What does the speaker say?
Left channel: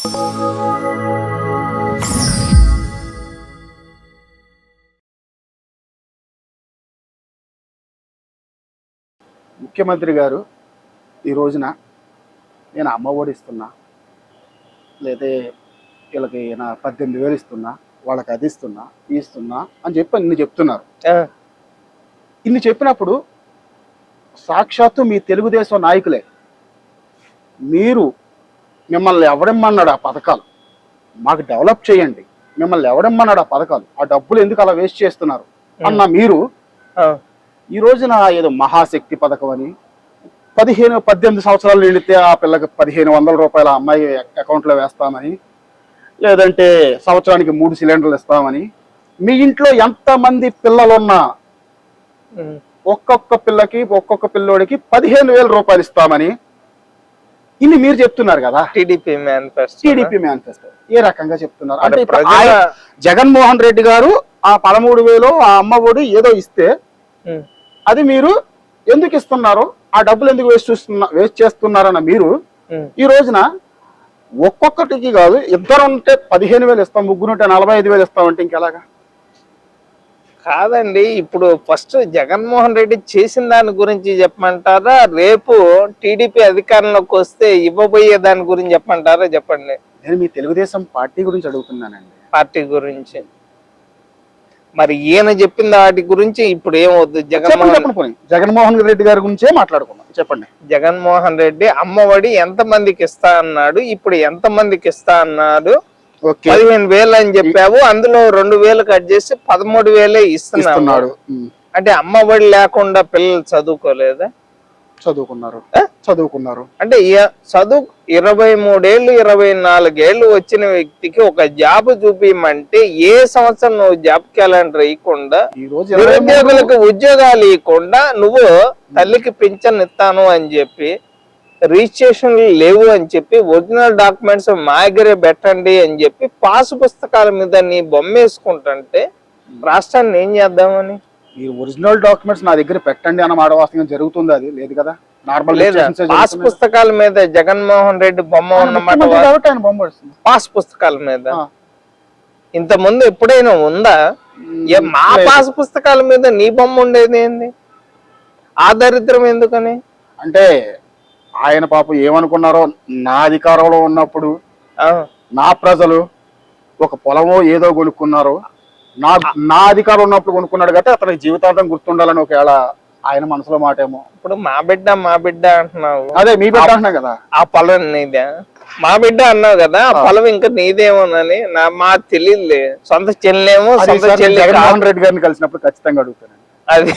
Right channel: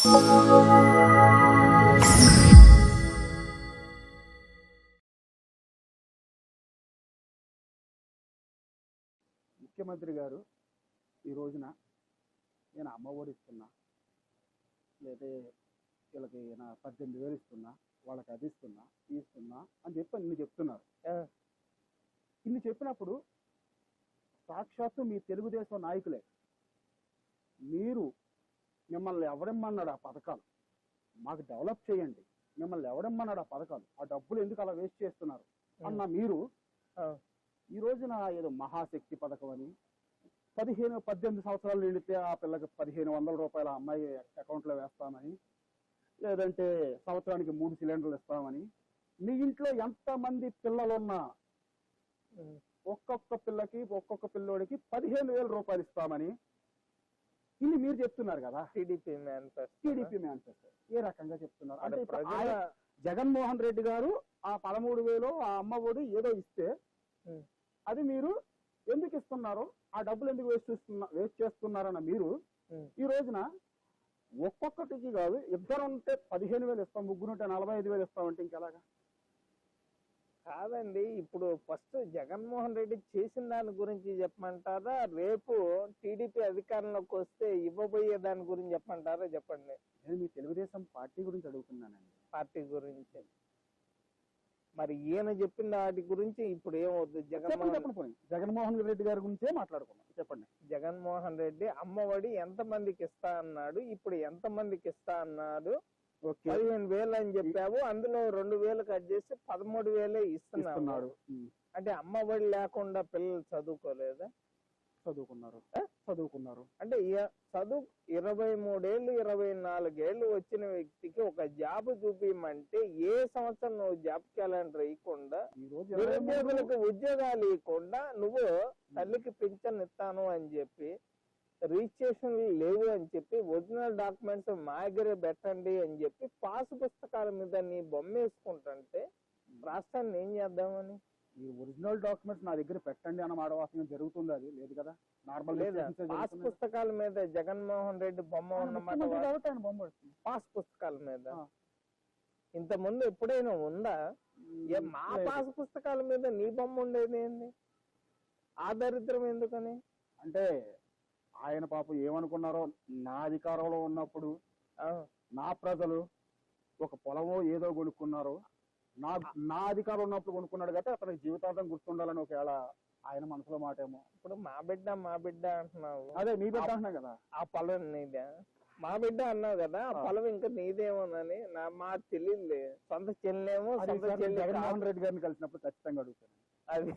ముఖ్యమంత్రి గారు ఈ రోజున నేను అమ్మ ఒడి ఇస్తున్నా, లేదా వీళ్ళకి నా 18,000 ఇస్తున్నా, వాళ్ళకి అది ఇస్తున్నా అని చెప్పి ఇన్ని చెప్తున్నారు. ఇన్ని చెప్పినప్పుడు సాక్షాత్తు మీ తెలుగుదేశం నాయకులే, మీరు మిమ్మల్ని ఎవడమ్మన్నాడు ఆ పథకాలు మాకు డెవలప్ చేయండి, మిమ్మల్ని ఎవడమ్మన్నాడు ఆ పథకాలు, ఆ డబ్బులు ఎందుకు అలా వేస్ట్ చేస్తున్నారు అన్న మీరు ఈ రోజున ఏదో మహాశక్తి పథకం అని 18 సంవత్సరాలు నిండితే ఆ పిల్లకి 1,500 రూపాయల అమ్మాయి అకౌంట్లో వేస్తామని, లేదంటే సంవత్సరానికి 3 సిలిండర్లు ఇస్తామని, మీ ఇంట్లో ఎంతమంది పిల్లలున్నా ఒక్కొక్క పిల్లోడికి 15,000 రూపాయలు ఇస్తామని ఇన్ని మీరు చెప్తున్నారు కదా. టీడీపీ మేనిఫెస్టో ఏ రకంగా చెప్తున్నారు అంటే జగన్మోహన్ రెడ్డి గారు ఆ 13,000 ఆ అమ్మ ఒడి ఏదో ఇస్తే అది మీరు ఎందుకు ఇస్తున్నారు, ఆ డబ్బులు ఎందుకు వేస్ట్ చేస్తున్నారన్న మీరు ఈ రోజున ఒక్కొక్కటికి కాదు, ఇద్దరు ఉంటే 15,000 ఇస్తాం, ముగ్గురు ఉంటే 45,000 ఇస్తామంటే ఇంకెలాగా? కాదండి, ఇప్పుడు ఫస్ట్ జగన్మోహన్ రెడ్డి చేసిన దాని గురించి చెప్పమంటారా, రేపు టీడీపీ అధికారంలోకి వస్తే ఇవ్వబోయే దాని గురించి చెప్పమంటారా? చెప్పండి. నేను మీ తెలుగుదేశం పార్టీ గురించి అడుగుతున్నానండి. పార్టీ గురించి మరి ఈయన చెప్పిన వాటి గురించి ఇప్పుడు ఏమవుతుంది? జగన్మోహన్ రెడ్డి గారి గురించే మాట్లాడుకున్నాం. చెప్పండి. జగన్మోహన్ రెడ్డి అమ్మఒడి ఎంత మందికి ఇస్తా అన్నాడు, ఇప్పుడు ఎంత మందికి ఇస్తా అన్నాడు? 15,000 అని చెప్పావు, అందులో 2,000 కట్ చేసి 13,000 ఇస్తున్నాడు. అంటే అమ్మఒడి లేకుండా పిల్లలు చదువుకోలేదా? చదువుకున్నారు. అంటే చదువు 23 ఏళ్ళు 24 ఏళ్ళు వచ్చిన వ్యక్తికి ఒక జాబ్ చూపించమంటే ఏ సంవత్సరం నువ్వు జాబ్ క్యాలెండర్ ఇవ్వకుండా, నిరుద్యోగులకు ఉద్యోగాలు ఇవ్వకుండా, నువ్వు తల్లికి పింఛన్ ఇస్తాను అని చెప్పి, రిజిస్ట్రేషన్ లేవు అని చెప్పి, ఒరిజినల్ డాక్యుమెంట్స్ మా దగ్గరే పెట్టండి అని చెప్పి పాసు పుస్తకాల మీద నీ బొమ్మ వేసుకుంటుంటే రాష్ట్రాన్ని ఏం చేద్దామని? మీరు ఒరిజినల్ డాక్యుమెంట్స్ నా దగ్గర పెట్టండి అన్న మాట వాస్తవంగా జరుగుతుంది? అది లేదు కదా. నార్మల్ పాస్ పుస్తకాల మీద జగన్మోహన్ రెడ్డి బొమ్మ ఉన్నమాట. పాస్ పుస్తకాల మీద ఇంత ముందు ఎప్పుడైనా ఉందా? మా పాస్ పుస్తకాల మీద నీ బొమ్మ ఉండేది ఏంది? ఆ దరిద్రం ఎందుకని? అంటే ఆయన పాపం ఏమనుకున్నారో, నా అధికారంలో ఉన్నప్పుడు నా ప్రజలు ఒక పొలమో ఏదో కొనుక్కున్నారు, నా అధికారం ఉన్నప్పుడు కొనుక్కున్నాడు కాబట్టి అతనికి జీవితాంతం గుర్తుండాలని ఒకవేళ ఆయన మనసులో మాట ఏమో. ఇప్పుడు మా బిడ్డ అంటున్నావు. అదే మీ బిడ్డ అంటున్నా కదా. ఆ పొలం నీదే, మా బిడ్డ అన్నావు కదా, ఆ పొలం ఇంకా నీదేమోనని మా తెలియదులే. సొంత చెల్లేమో, జగన్మోహన్ రెడ్డి గారిని కలిసినప్పుడు ఖచ్చితంగా అడుగుతాను. అది